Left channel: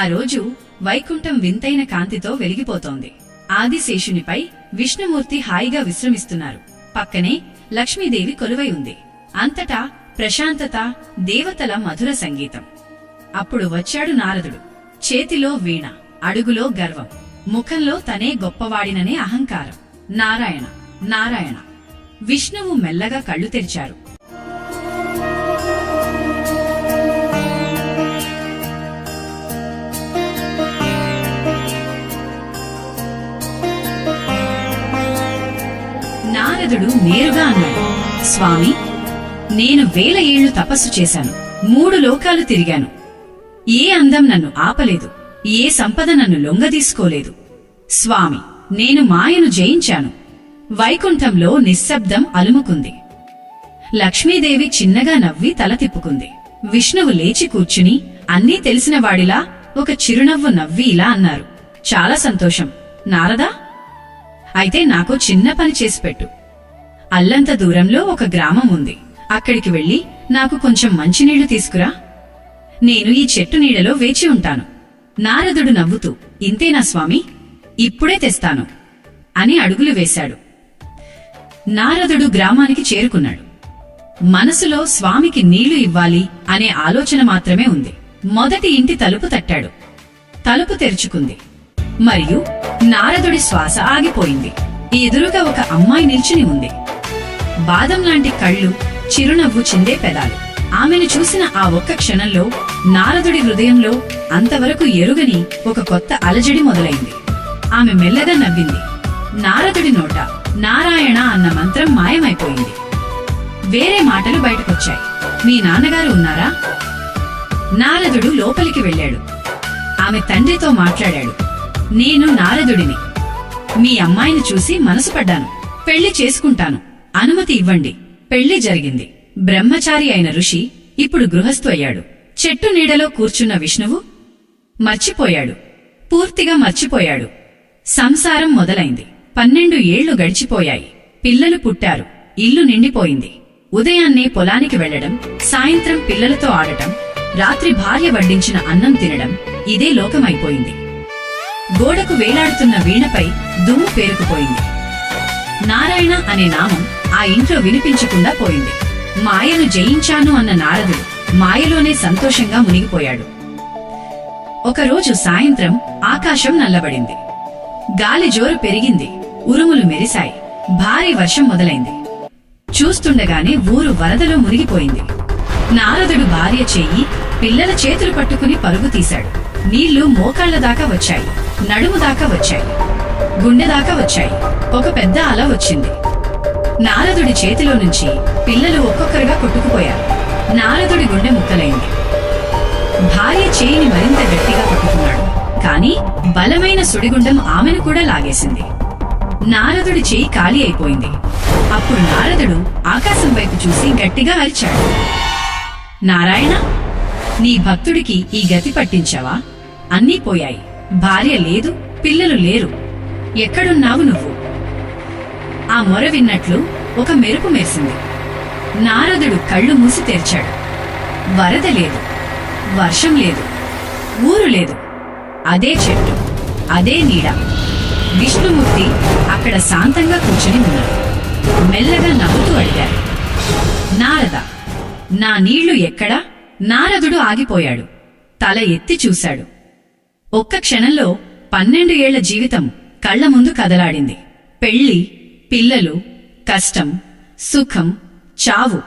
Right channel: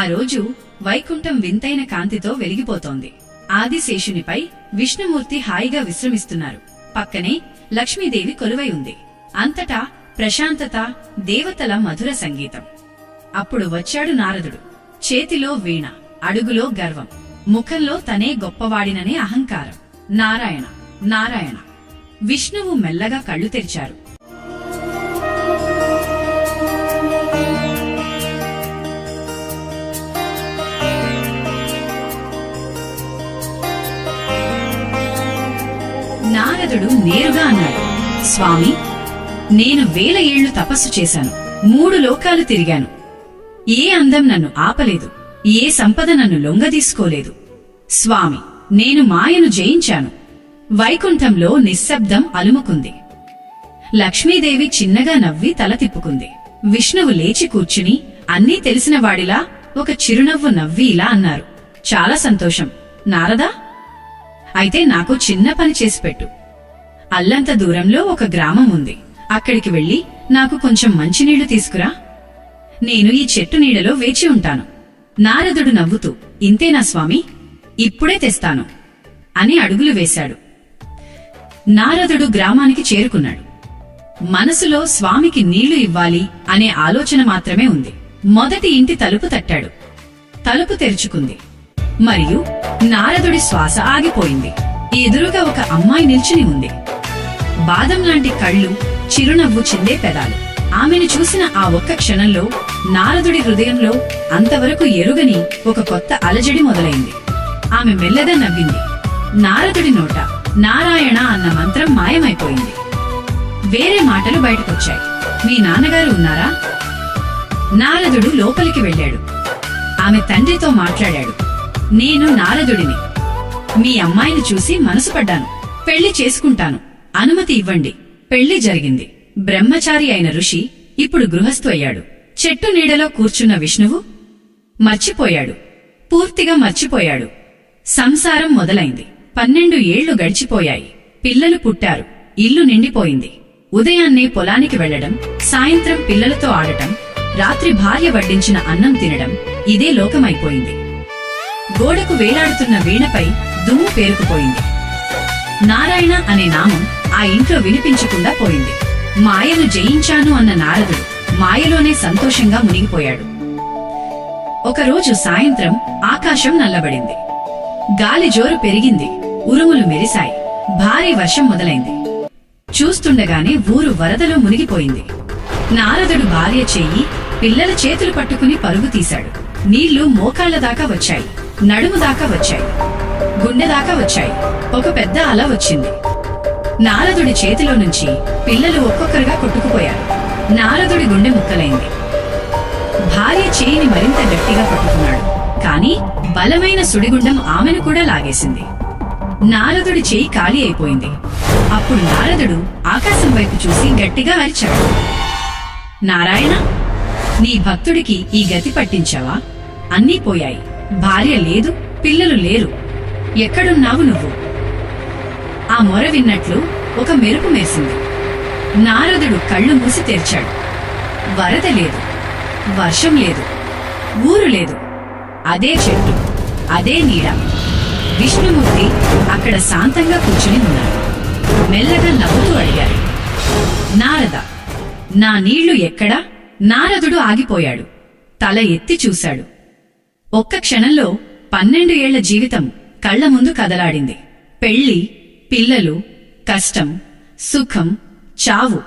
ఆ రోజు వైకుంఠం వింతైన కాంతితో వెలిగిపోతోంది. ఆదిశేషునిపై విష్ణుమూర్తి హాయిగా విశ్రమిస్తున్నారు. పక్కనే లక్ష్మీదేవి కొలువై ఉంది. అంతటా ప్రశాంతత, దేవతల మధుర సంగీతం. అప్పుడు వచ్చాడు నారదుడు. చేతిలో వీణ, అడుగులో గర్వం, ముఖంలో తనే గొప్పవాడిననే అహంకారం. నారాయణ నారాయణ. విష్ణువు మెల్లగా కళ్ళు తెరిచారు. నారదుడు నేరుగా అన్నాడు, స్వామి, నేను 1000 ఏళ్లు తపస్సు చేశాను. 3 లోకాలు తిరిగాను. ఏ అందం నన్ను ఆపలేదు, ఏ సంపద నన్ను లొంగదీసుకోలేదు. స్వామి, నేను మాయను జయించాను. వైకుంఠంలో నిశ్శబ్దం అలుముకుంది. లక్ష్మీదేవి చిన్నగా నవ్వి తల తిప్పుకుంది. విష్ణువు లేచి కూర్చుని అన్నీ తెలిసినవాడిలా ఒక చిరునవ్వు నవ్వి ఇలా అన్నారు, చాలా సంతోషం నారదా. అయితే నాకు చిన్న పని చేసిపెట్టు. అల్లంత దూరంలో ఒక గ్రామం ఉంది. అక్కడికి వెళ్లి నాకు కొంచెం మంచినీళ్లు తీసుకురా. నేను ఈ చెట్టు నీడలో వేచి ఉంటాను. నారదుడు నవ్వుతూ, ఇంతేనా స్వామి, ఇప్పుడే తెస్తాను అని అడుగులు వేశాడు. నారదుడు గ్రామానికి చేరుకున్నాడు. మనసులో స్వామికి నీళ్లు ఇవ్వాలి అనే ఆలోచన మాత్రమే ఉంది. మొదటి ఇంటి తలుపు తట్టాడు. తలుపు తెరుచుకుంది. మరియు నారదుడి శ్వాస ఆగిపోయింది. ఎదురుగా ఒక అమ్మాయి నిల్చుని ఉంది. బాదం లాంటి కళ్ళు, చిరునవ్వు చిందే పెదాలు. ఆమెను చూసిన ఆ ఒక్క క్షణంలో నారదుడి హృదయంలో అంతవరకు ఎరుగని ఒక కొత్త అలజడి మొదలైంది. ఆమె మెల్లగా నవ్వింది. నారదుడి నోట నారాయణ అన్న మంత్రం మాయమైపోయింది. వేరే మాటలు బయటకొచ్చాయి. మీ నాన్నగారు ఉన్నారా? నారదుడు లోపలికి వెళ్లాడు. ఆమె తండ్రితో మాట్లాడాడు. నేను నారదుడిని. మీ అమ్మాయిని చూసి మనసు పడ్డాను. పెళ్లి చేసుకుంటాను. అనుమతి ఇవ్వండి. పెళ్లి జరిగింది. బ్రహ్మచారి అయిన ఋషి ఇప్పుడు గృహస్థు అయ్యాడు. చెట్టు నీడలో కూర్చున్న విష్ణువు మర్చిపోయాడు. పూర్తిగా మర్చిపోయాడు. సంసారం మొదలైంది. 12 ఏళ్లు గడిచిపోయాయి. పిల్లలు పుట్టారు. ఇల్లు నిండిపోయింది. ఉదయాన్నే పొలానికి వెళ్లడం, సాయంత్రం పిల్లలతో ఆడటం, రాత్రి భార్య వడ్డించిన అన్నం తినడం, ఇదే లోకమైపోయింది. గోడకు వేలాడుతున్న వీణపై దుమ్ము పేరుకుపోయింది. నారాయణ అనే నామం ఆ ఇంట్లో వినిపించకుండా పోయింది. మాయను జయించాను అన్న నారదుడు మాయలోనే సంతోషంగా మునిగిపోయాడు. ఒకరోజు సాయంత్రం ఆకాశం నల్లబడింది. గాలి జోరు పెరిగింది. ఉరుములు మెరిశాయి. భారీ వర్షం మొదలైంది. చూస్తుండగానే ఊరు వరదలో మునిగిపోయింది. నారదుడు భార్య చెయ్యి, పిల్లల చేతులు పట్టుకుని పరుగు తీశాడు. నీళ్లు మోకాళ్ల దాకా వచ్చాయి. నడుము దాకా వచ్చాయి. గుండె దాకా వచ్చాయి. ఒక పెద్ద అల వచ్చింది. నారదుడి చేతిలో నుంచి పిల్లలు ఒక్కొక్కరుగా కొట్టుకుపోయారు. నారదుడి గుండె ముక్కలైంది. భార్య చేయిని మరింత గట్టిగా పట్టుకున్నాడు. కాని బలమైన సుడిగుండం ఆమెను కూడా లాగేసింది. నారదుడి చేయి ఖాళీ అయిపోయింది. అప్పుడు నారదుడు ఆకాశం వైపు చూసి గట్టిగా అరిచాడు, నారాయణ, నీ భక్తుడికి ఈ గతి పట్టించావా? అన్నీ పోయాయి. భార్య లేదు, పిల్లలు లేరు. ఎక్కడున్నావు నువ్వు? ఆ మొర విన్నట్లు ఒక మెరుపు మెరిసింది. నారదుడు కళ్ళు మూసి తెరిచాడు. వరద లేదు, వర్షం లేదు, ఊరు లేదు. అదే చెట్టు, అదే నీడ. విష్ణుమూర్తి అక్కడ శాంతంగా కూర్చుని ఉన్నాడు. మెల్లగా నవ్వుతూ అడిగారు, నారద, నా నీళ్లు ఎక్కడా? నారదుడు ఆగిపోయాడు. తల ఎత్తి చూశాడు. ఒక్క క్షణంలో 12 ఏళ్ల జీవితం కళ్ల ముందు కదలాడింది. పెళ్లి, పిల్లలు, కష్టం, సుఖం, చావు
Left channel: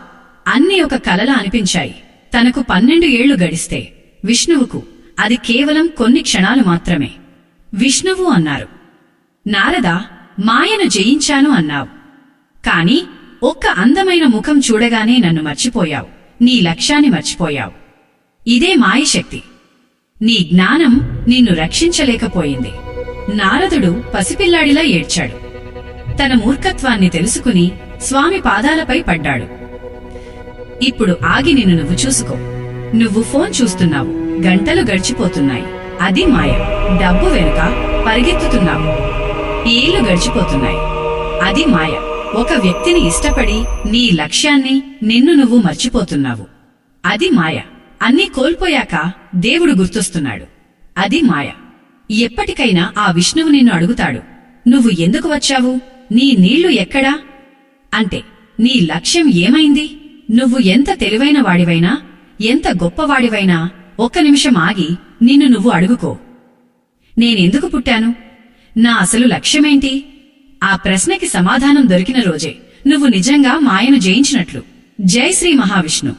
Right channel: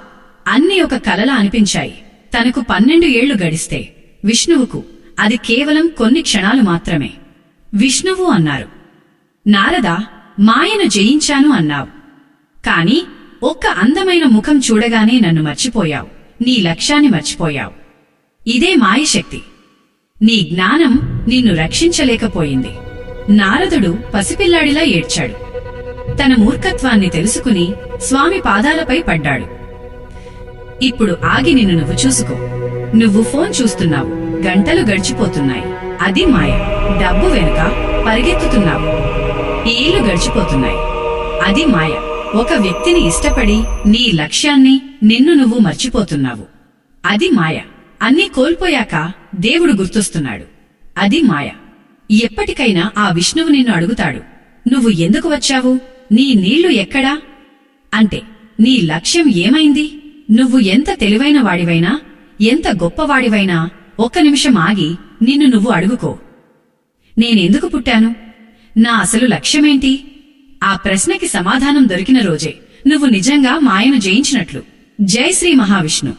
అన్నీ ఒక కలలా అనిపించాయి. తనకు 12 ఏళ్లు గడిస్తే విష్ణువుకు అది కేవలం కొన్ని క్షణాలు మాత్రమే. విష్ణువు అన్నారు, నారద, మాయను జయించాను అన్నావు. కాని ఒక్క అందమైన ముఖం చూడగానే నన్ను మర్చిపోయావు. నీ లక్ష్యాన్ని మర్చిపోయావు. ఇదే మాయశక్తి. నీ జ్ఞానం నిన్ను రక్షించలేకపోయింది. నారదుడు పసిపిల్లాడిలా ఏడ్చాడు. తన మూర్ఖత్వాన్ని తెలుసుకుని స్వామి పాదాలపై పడ్డాడు. ఇప్పుడు ఆగి నిన్ను నువ్వు చూసుకో. నువ్వు ఫోన్ చూస్తున్నావు. గంటలు గడిచిపోతున్నాయి. అది మాయ. డబ్బు వెనుక పరిగెత్తుతున్నావు. ఏళ్లు గడిచిపోతున్నాయి. అది మాయ. ఒక వ్యక్తిని ఇష్టపడి నీ లక్ష్యాన్ని, నిన్ను నువ్వు మర్చిపోతున్నావు. అది మాయ. అన్నీ కోల్పోయాక దేవుడు గుర్తొస్తున్నాడు. అది మాయ. ఎప్పటికైనా ఆ విష్ణువు నిన్ను అడుగుతాడు, నువ్వు ఎందుకు వచ్చావు, నీ నీళ్లు ఎక్కడా అంటే నీ లక్ష్యం ఏమైంది? నువ్వు ఎంత తెలివైన వాడివైనా, ఎంత గొప్పవాడివైనా ఒక్క నిమిషం ఆగి నిన్ను నువ్వు అడుగుకో, నేనెందుకు పుట్టాను, నా అసలు లక్ష్యమేంటి? ఆ ప్రశ్నకి సమాధానం దొరికిన రోజే నువ్వు నిజంగా మాయను జయించినట్లు. జై శ్రీ మహావిష్ణు.